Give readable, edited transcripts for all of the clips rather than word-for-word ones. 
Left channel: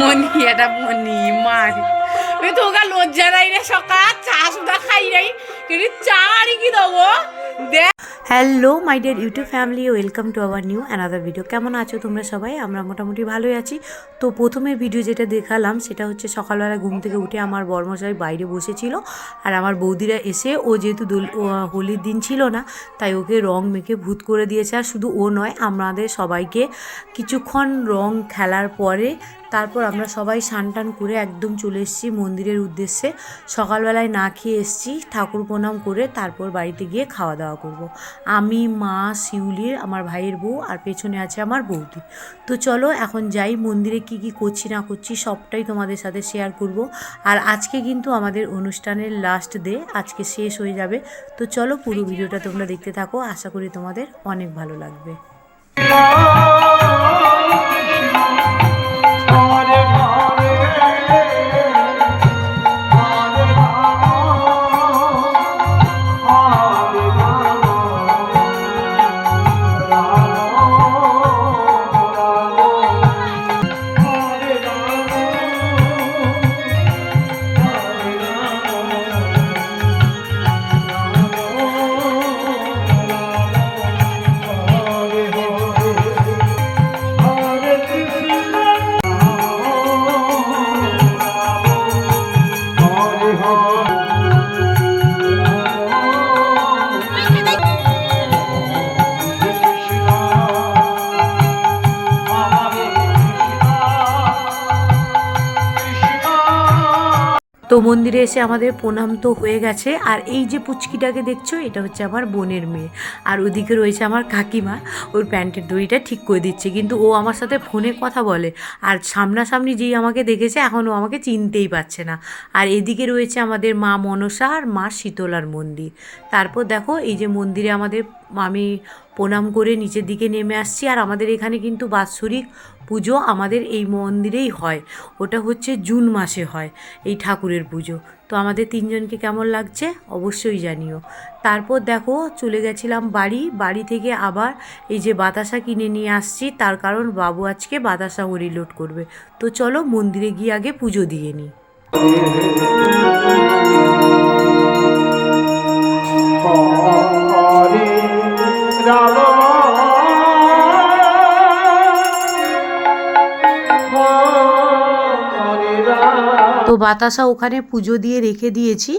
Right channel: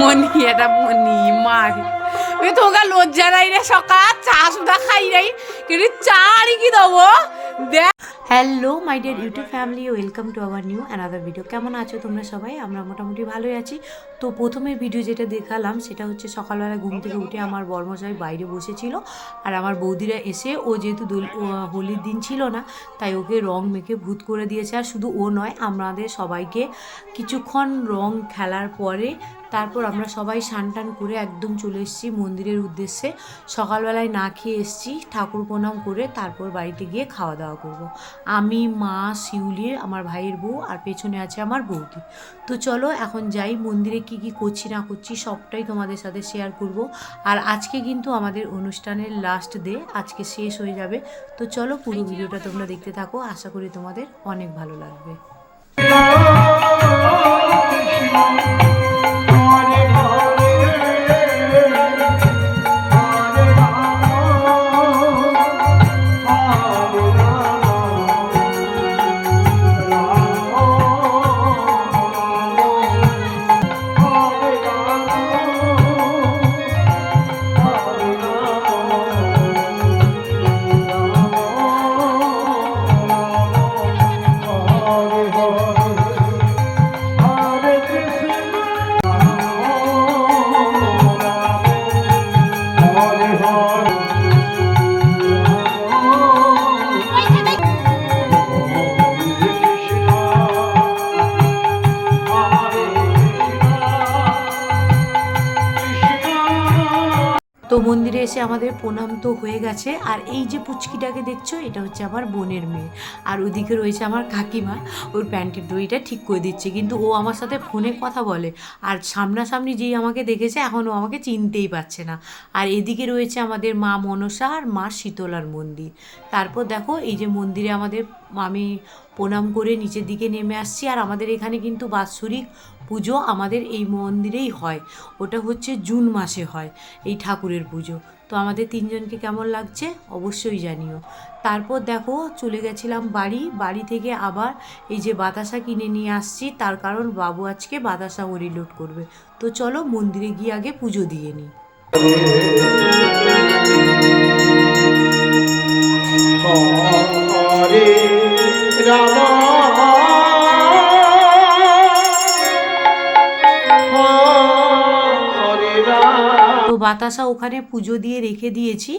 মনি এটা মনি মার তোকে লজ্জা নাই রে সকাল চা সুদা খাই নাই কিন্তু চা আর কি দেবো দেখ। Hello my dear YouTube family, welcome to our new another video. কেমন আছো তোমরা সবাই? আমরা মোটামুটি ভালোই আছি। তো প্রথমের ভিডিও যেটা দেখালাম সেটা হচ্ছে সকালবেলা ঘুম থেকে উঠে আমার বর্মশাই বাইরে বসেছিল, আর আমার বৌদিরা এসে ও যেহেতু হোলির দিন ছিল না তাই ওকে রং মেখে ভূত করে দিয়েছে। আর শুধু ও নয়, আমাদের সবাইকে কিছুক্ষণ রং খেলার পরে তারপর আমরা সবাই স্নান টান করে একদম চলে এসেছি মন্দিরের উদ্দেশ্যে। সকালবেলায় না খেয়ে এসেছি, ঠাকুর প্রণাম করে তারপর বাড়িতে গিয়ে খাওয়া দাওয়া করব। আমি, মা, শিউলির, আমার ভাইয়ের বউ আর পেছনে আছে আমার বৌদি। তো চলো এখন যাই, মন্দিরে কি কি করছি না করছি সবটাই তোমাদের সাথে শেয়ার করব। আর আজকে কিন্তু আমাদের অনুষ্ঠানের লাস্ট ডে, আজকে শেষ হয়ে যাবে। তো চলো পুরো ভিডিওটা তোমরা দেখতে থাকো, আশা করি তোমাদের অনেক ভালো লাগবে। তো মন্দিরে এসে আমাদের প্রণাম তো হয়ে গেছে। আর এই যে পুচকিটাকে দেখছো, এটা হচ্ছে আমার বোনের মেয়ে। আর ওদিকে রয়েছে আমার কাকিমা, ওর প্যান্টের দড়িটা ঠিক করে দিচ্ছে। কিন্তু ও আমার সাথে ফোনে কথা বলে, আর সামনাসামনি যেই আমাকে দেখেছে এখন ও আমাকে চিনতেই পারছে না। আর এদিকে রয়েছে আমাদের মা মনসা আর মা শীতলার মন্দির। তারপর দেখো এই যে মন্দিরে আমাদের আমি প্রণাম করে নিচের দিকে নেমে আসছি। আর আমাদের এখানে কিন্তু বাৎসরিক পুজো আমাদের এই মন্দিরেই হয়, ওটা হচ্ছে জুন মাসে হয় এই ঠাকুরের পুজো। তো আমাদের তিনজনকে কেমন লাগছে অবশ্যই জানিও। তারপর দেখো চলে গেছিলাম বাড়ি থেকে আবার এই যে বাতাসা কিনে নিয়ে আসছি, তার কারণ বাবু আজকে বাতাসা হরিলোড করবে। তো চলো মন্দিরে গিয়ে আগে পুজো দিয়ে নিই। তো বাতাসা ওখানে পুজো দিয়ে রেখে দিয়েছি,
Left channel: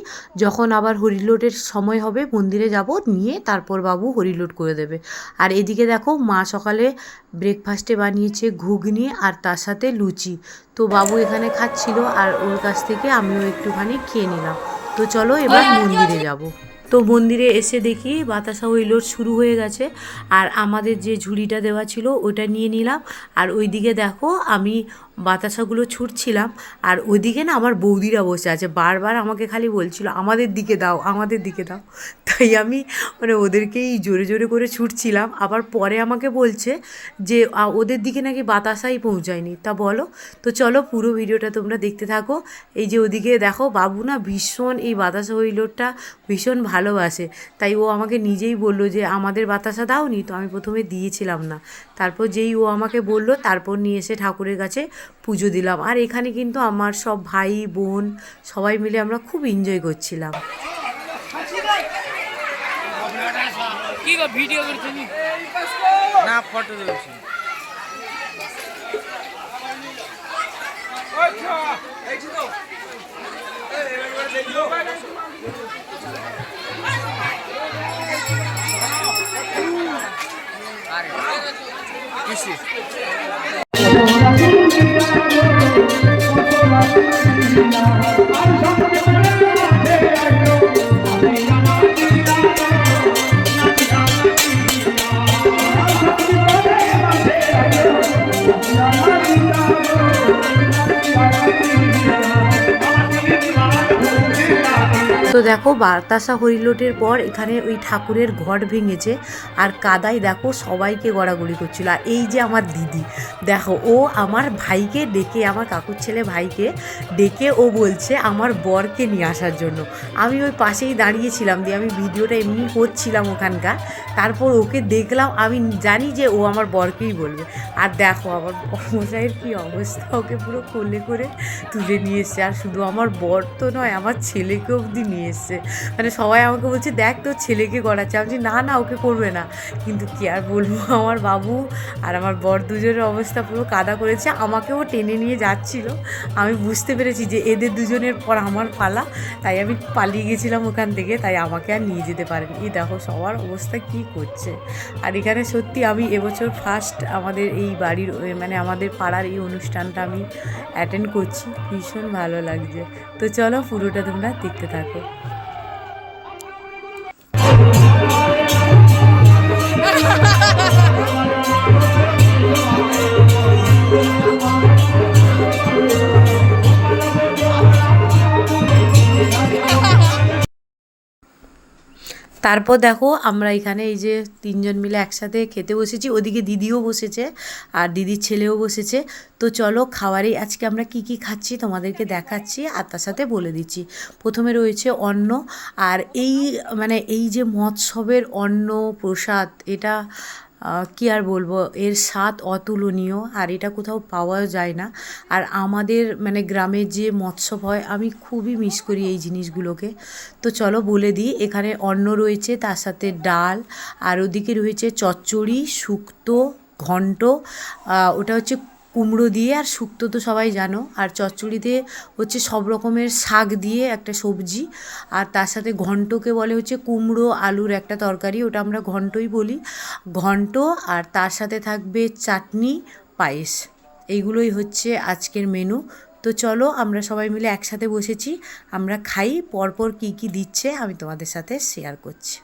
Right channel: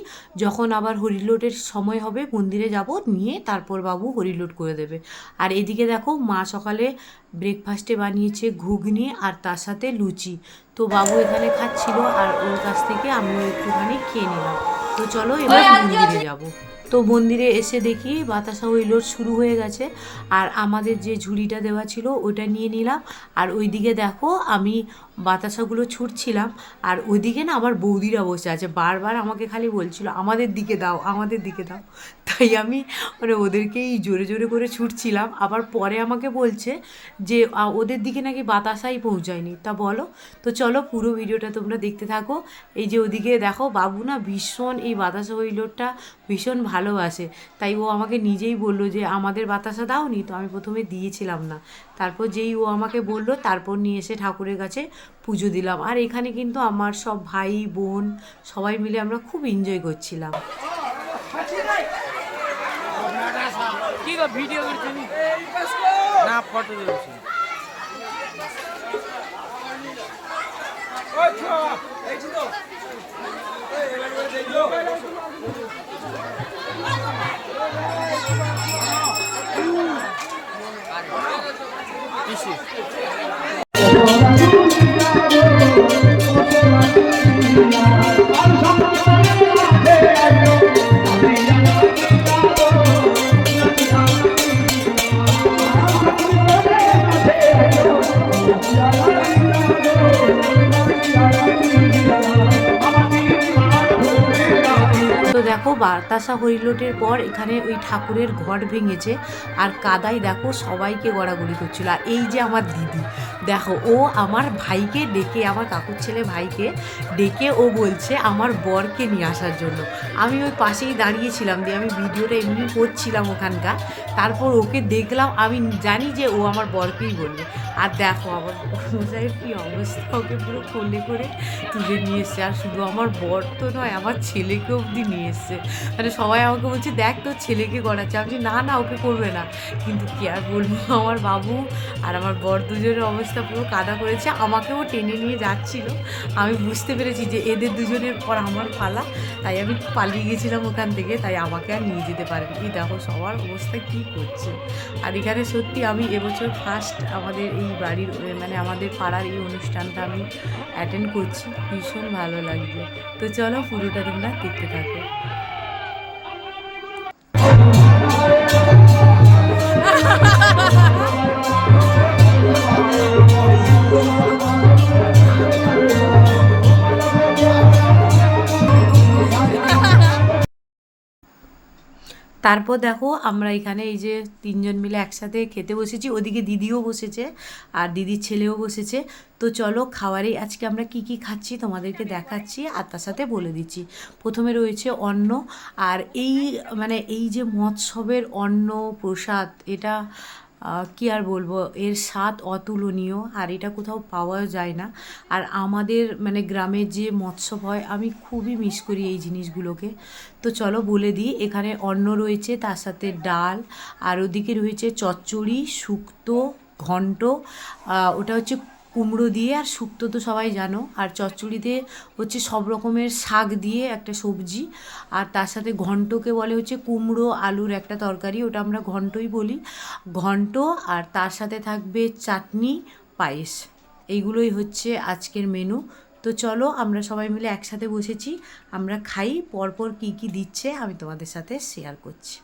যখন আবার হরিলোটের সময় হবে মন্দিরে যাব, নিয়ে তারপর বাবু হরিলোট করে দেবে। আর এদিকে দেখো মা সকালে ব্রেকফাস্টে বানিয়েছে ঘুগনি আর তার সাথে লুচি। তো বাবু এখানে খাচ্ছিল আর ওর কাছ থেকে আমিও একটুখানি খেয়ে নিলাম। তো চলো এবার মন্দিরে যাব। তো মন্দিরে এসে দেখি বাতাসা হরিলোট শুরু হয়ে গেছে। আর আমাদের যে ঝুড়িটা দেওয়া ছিল ওটা নিয়ে নিলাম। আর ওইদিকে দেখো আমি বাতাসাগুলো ছুটছিলাম, আর ওইদিকে না আমার বৌদিরা বসে আছে, বারবার আমাকে খালি বলছিল আমাদের দিকে দাও আমাদের দিকে দাও। তাই আমি ওদেরকেই জোরে জোরে করে ছুটছিলাম। আবার পরে আমাকে বলছে যে ওদের দিকে নাকি বাতাসাই পৌঁছায়নি। তা বলো। তো চলো পুরো ভিডিওটা তোমরা দেখতে থাকো। এই যে ওদিকে দেখো বাবু না ভীষণ এই বাতাসা হরিলোটটা ভীষণ ভালোবাসে, তাই ও আমাকে নিজেই বললো যে আমাদের বাতাসা দাওনি। তো আমি প্রথমে দিয়েছিলাম না, তারপর যেই ও আমাকে বললো তারপর নিয়ে এসে ঠাকুরের কাছে পুজো দিলাম। আর এখানে কিন্তু আমার সব ভাই বোন সবাই মিলে আমরা খুব এনজয় করছিলাম। ভিডিও করছি না, ফটো তুলছি। তো দেখো বাতাসা হরিলোটের পর এখানে ওই ঠাকুরের ঘট ভেঙেছে, আর কাদায় দেখো সবাইকে গড়াগড়ি করছিল। আর এই যে আমার দিদি দেখো, ও আমার ভাইকে ডেকে, আমার কাকুর ছেলে ভাইকে ডেকে ও বলছে আমার বরকে নিয়ে আসার জন্য। আমি ওই পাশেই দাঁড়িয়েছিলাম, দিয়ে আমি ভিডিওটা এমনি করছিলাম ওখানকার। তারপর ওকে দেখলাম, আমি জানি যে ও আমার বরকেই বলবে। আর দেখো আমার বর্মশাইয়ের কী অবস্থা, ওকে পুরো কোলে করে তুলে নিয়ে এসছে। আর শুধু আমার বর তো নয়, আমার ছেলেকে অবধি নিয়ে এসছে। মানে সবাই আমাকে বলছে দেখ তোর ছেলেকে করাচ্ছে, আমি বলছি না না ওকে করবে না। কিন্তু কি আর বলবো, আমার বাবু আর আমার বর দুজনের অবস্থা পুরো কাদা করেছে। আমাকেও টেনে নিয়ে যাচ্ছিল, আমি বুঝতে পেরেছি যে এদের দুজনের পর আমার পালা, তাই আমি পালিয়ে গেছিলাম ওখান থেকে, তাই আমাকে আর নিয়ে যেতে পারেনি। এই দেখো সবার অবস্থা কী করছে। আর এখানে সত্যি আমি এবছর ফার্স্ট আমাদের এই বাড়ির মানে আমাদের পাড়ার এই অনুষ্ঠানটা আমি অ্যাটেন্ড করছি, ভীষণ ভালো লাগছে। তো চলো পুরোটা তোমরা দেখতে থাকো। তারপর দেখো আমরা এখানে এই যে তিনজন মিলে একসাথে খেতে বসেছি, ওদিকে দিদিও বসেছে আর দিদির ছেলেও বসেছে। তো চলো খাবারে আজকে আমরা কি কি খাচ্ছি তোমাদেরকে দেখাচ্ছি আর তার সাথে বলে দিচ্ছি। প্রথমে রয়েছে অন্ন, আর এই মানে এই যে মৎসবের অন্ন প্রসাদ, এটা কি আর বলবো, এর স্বাদ অতুলনীয়, আর এটা কোথাও পাওয়া যায় না। আর আমাদের মানে গ্রামের যে মৎসব হয় আমি খুবই মিস করি এই জিনিসগুলোকে। তো চলো বলে দিই, এখানে অন্ন রয়েছে, তার সাথে ডাল, আর ওদিকে রয়েছে চচ্চড়ি, শুক্তো, ঘন্ট, ওটা হচ্ছে কুমড়ো দিয়ে, আর শুক্তো তো সবাই জানো, আর চচ্চড়িতে হচ্ছে সব রকমের শাক দিয়ে একটা সবজি, আর তার সাথে ঘন্টকে বলে হচ্ছে কুমড়ো আলুর একটা তরকারি, ওটা আমরা ঘন্টই বলি, ঘন্ট। আর তার সাথে থাকবে চাটনি, পায়েস। এইগুলোই হচ্ছে আজকের মেনু। তো চলো আমরা সবাই মিলে একসাথে বসেছি, আমরা খাই, পরপর কি কি দিচ্ছে আমি তোমাদের সাথে শেয়ার করছি।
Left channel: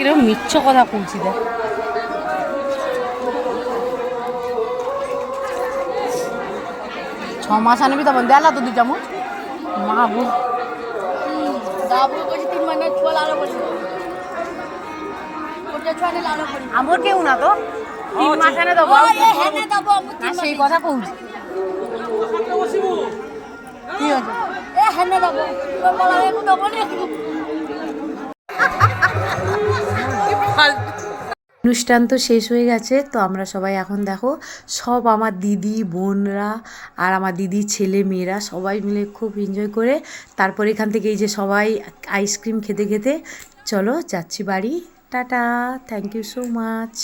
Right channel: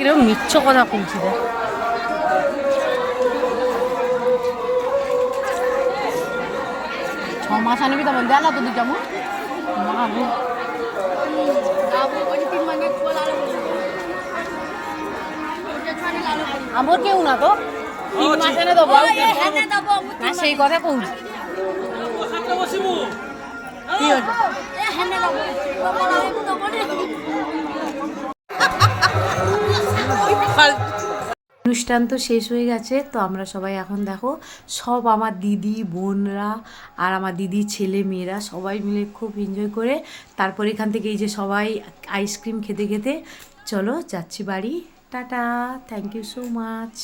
কিরকম মিচ্ছ কথা বলছি দেখ। ছ মাস আনবি তখন দেলা তো দিকে মা বল আমার কেউ না তো 3 মাস এনে দেবো না, সেই কথা কৌছি। কি হচ্ছে অনুষ্ঠান তো শেষ হয়ে গেছে। তো আমরা সবাই এখন দেখো সব আমার দিদি বোনরা আর আমার দিদির ছেলে মেয়েরা সবাই মিলে খুব এনজয় করে তারপর এখান থেকে এই যে সবাই আইসক্রিম খেতে খেতে চলো যাচ্ছি বাড়ি। Tata, thank you so much.